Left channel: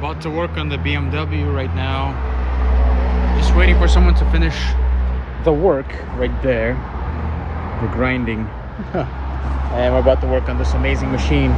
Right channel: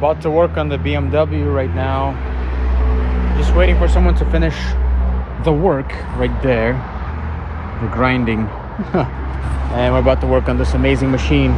About to work on the BMW right now. Just waiting for someone to finish the work right there. The grinding. And we're about to work on this amazing machine.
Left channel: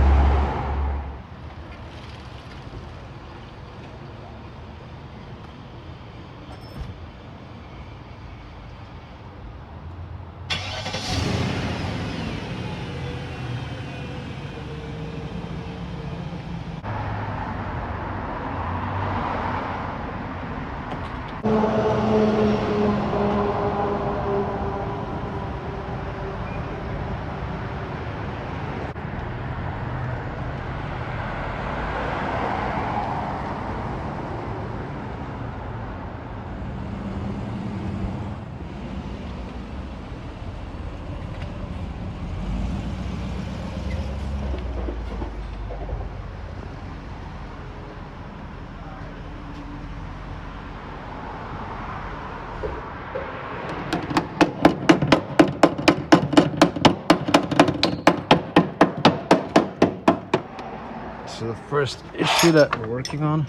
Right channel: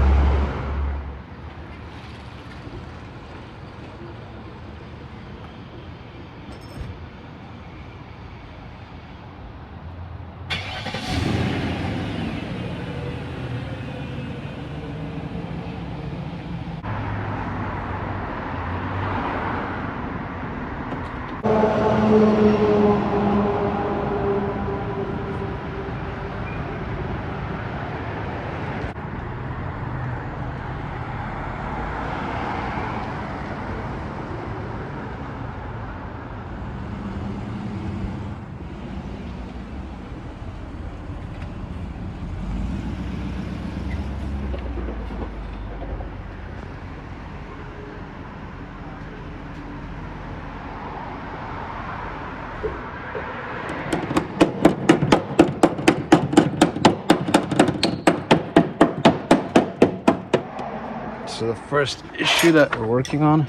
So the first issue that we're working on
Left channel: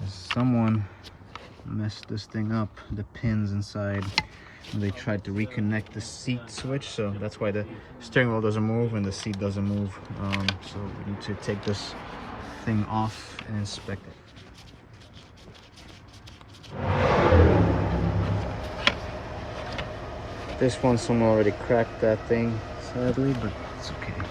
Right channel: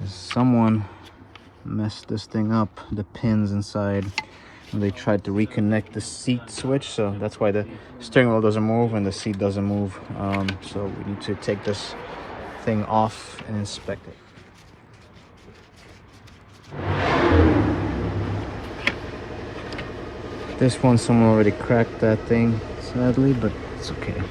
is someone messed this thing up, the pins inside, and they tried to reconnect the seat switch, so that's why the steering wheel doesn't move and the seat doesn't move. So we need to take this thing off and inspect it. This one, someone already cracked that thing sadly, but it's okay.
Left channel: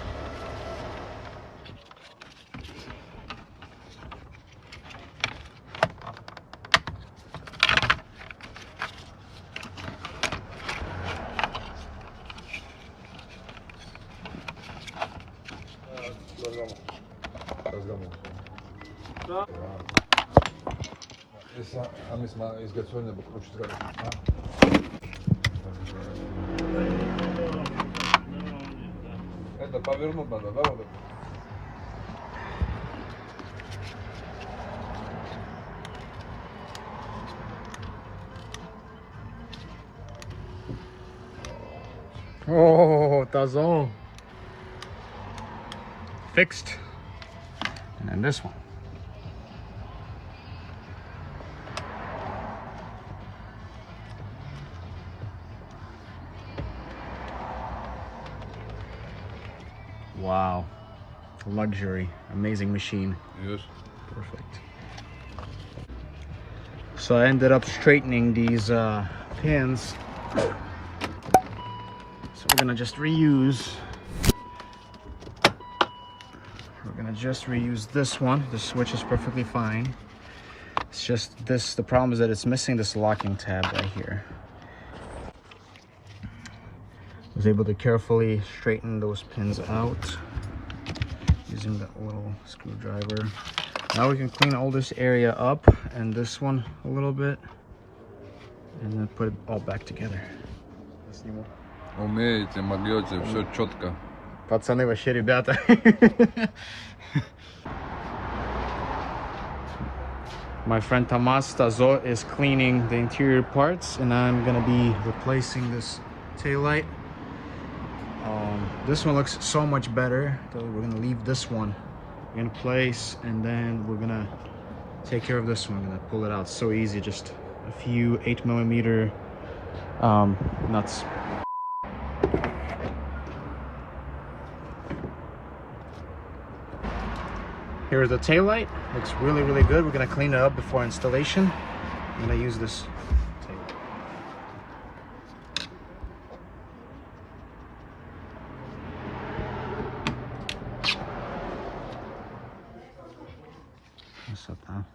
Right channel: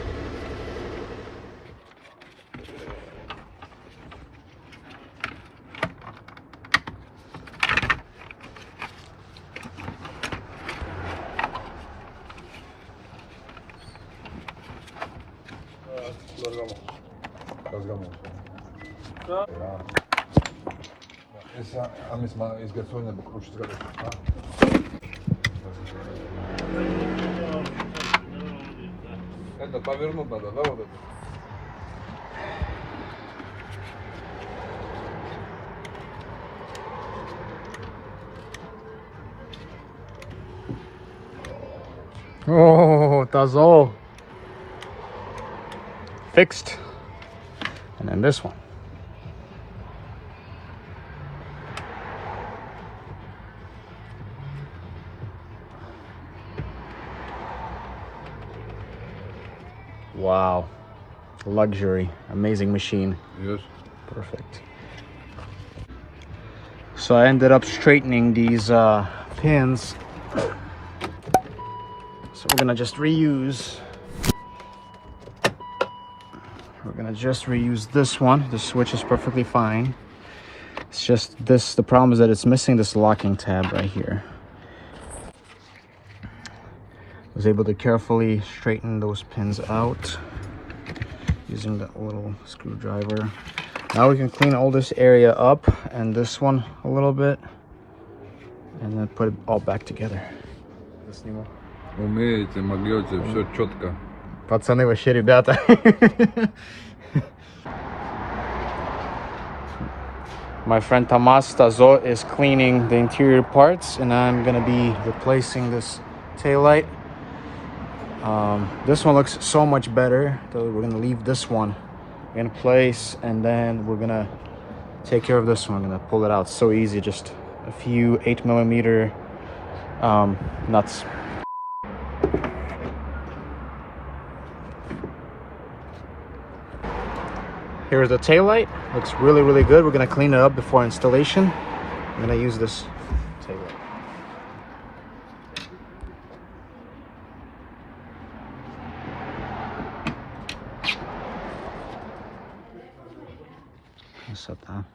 Oh, that's all fixed. And then this one. Wow, luxury, amazing machine. Yes. Perfect. So I ended up straightening these pins. So we're gonna just reuse. We're gonna just reuse this one. The switch is perfectly fine. It's just this, the problem is that it's missing this locking tab right here. Was able to carefully straighten those pins out using that little screwdriver. Now we can clean all this area up and this one a little bit, and then put it all back together. Умеете, могете, все четко. Пацаны, вообще ребята. My friend Tomas Tazo is cleaning the interior parts, and I'm gonna be replacing this taillight. This one looks so much better, so we're gonna leave this one in place, and then we're gonna take care of this one. I'm gonna pull it out. So easy, just a few 8mm nuts. Here's the taillight. Looks really good. We're gonna clean it up before installation. I'm gonna use this taillight. What's up, Tom?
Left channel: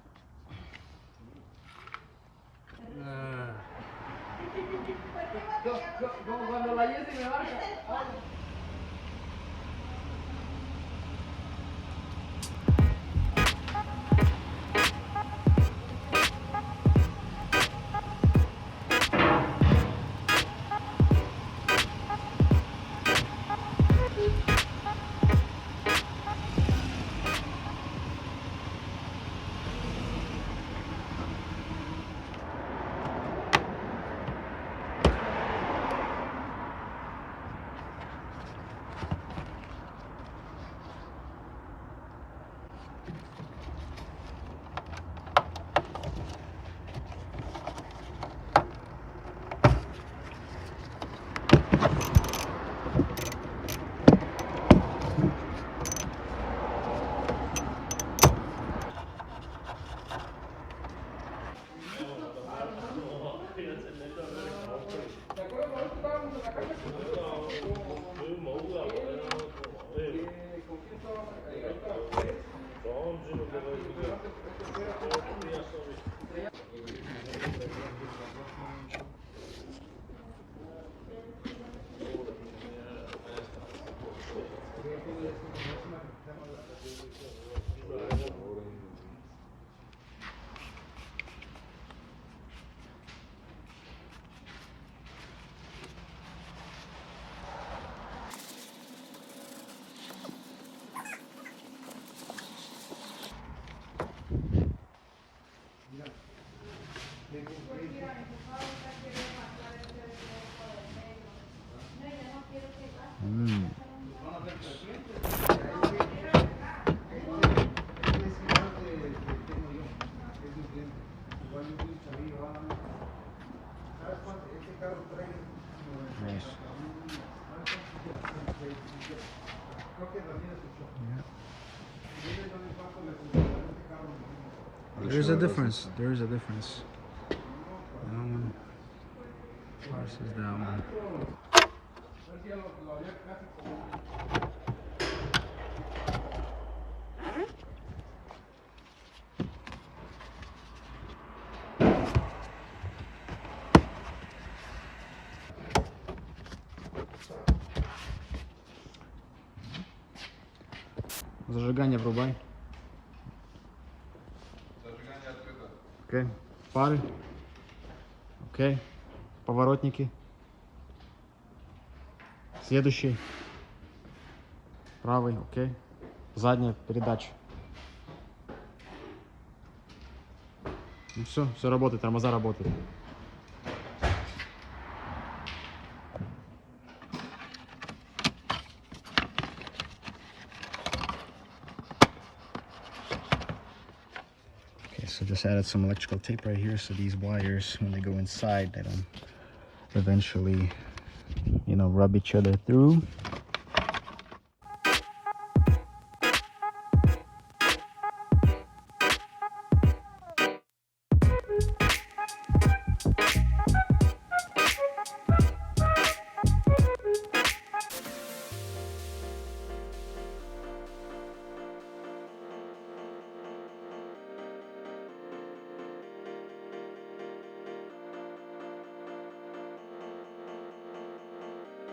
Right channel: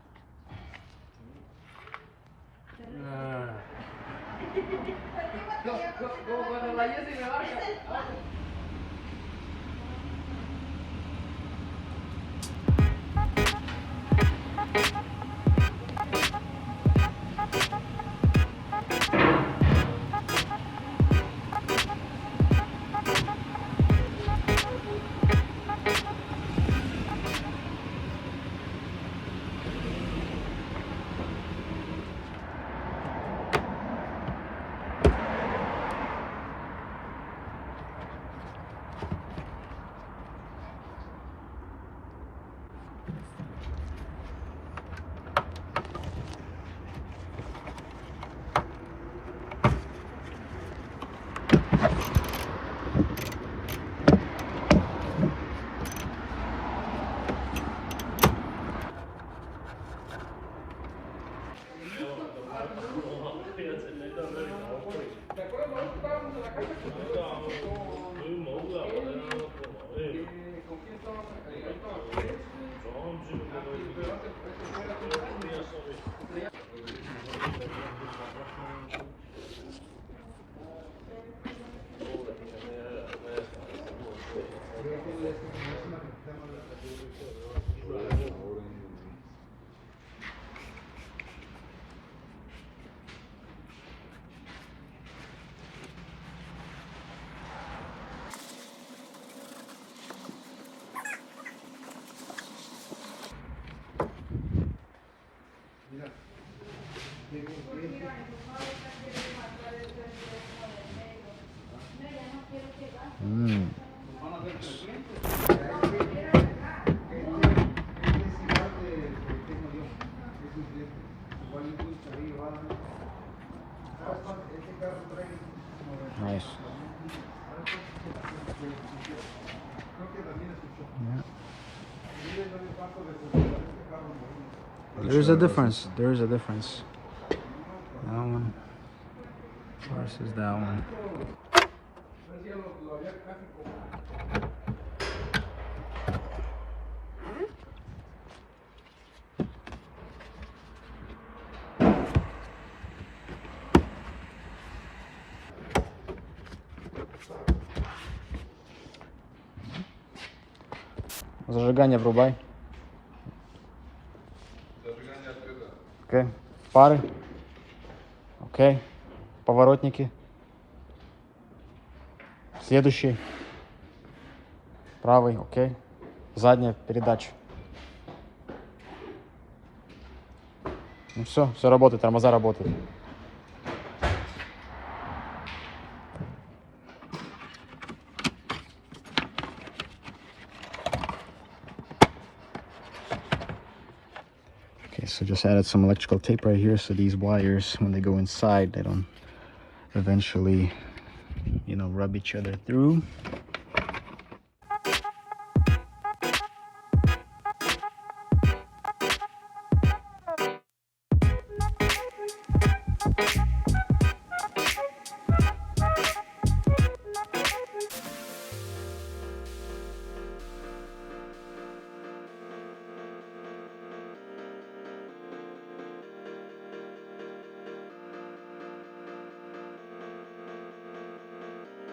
There is a difference. There is a difference. That one versus that one. Зажигание врубай. Окей. Фары. Окей. Поворотники. Следующий. Правый. Окей. Задняя передача. Ну все работает, тормоза работают. Okay, so just added some electrical tape right here, so these wires, when they go inside, they don't eventually, you know, rub each other through.